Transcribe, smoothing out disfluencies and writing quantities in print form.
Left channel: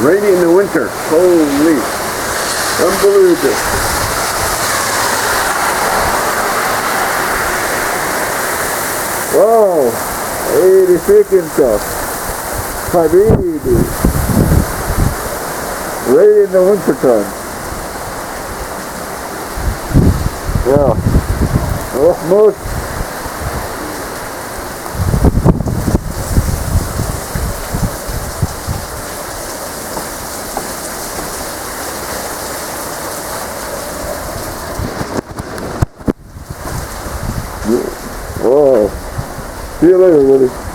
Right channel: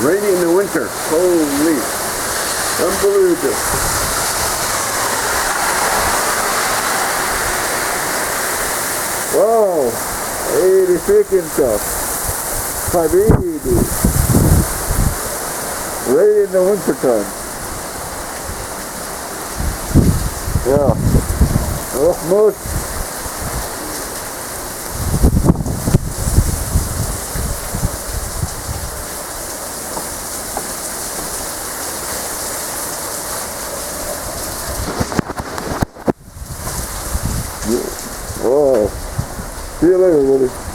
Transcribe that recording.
Rainy in the winter. Holy. Unbelievable. Wow. 80 freaking stuff. Habibi. Rain in the winter time. Yeah. Oh, most. Wow. See you later, buddy.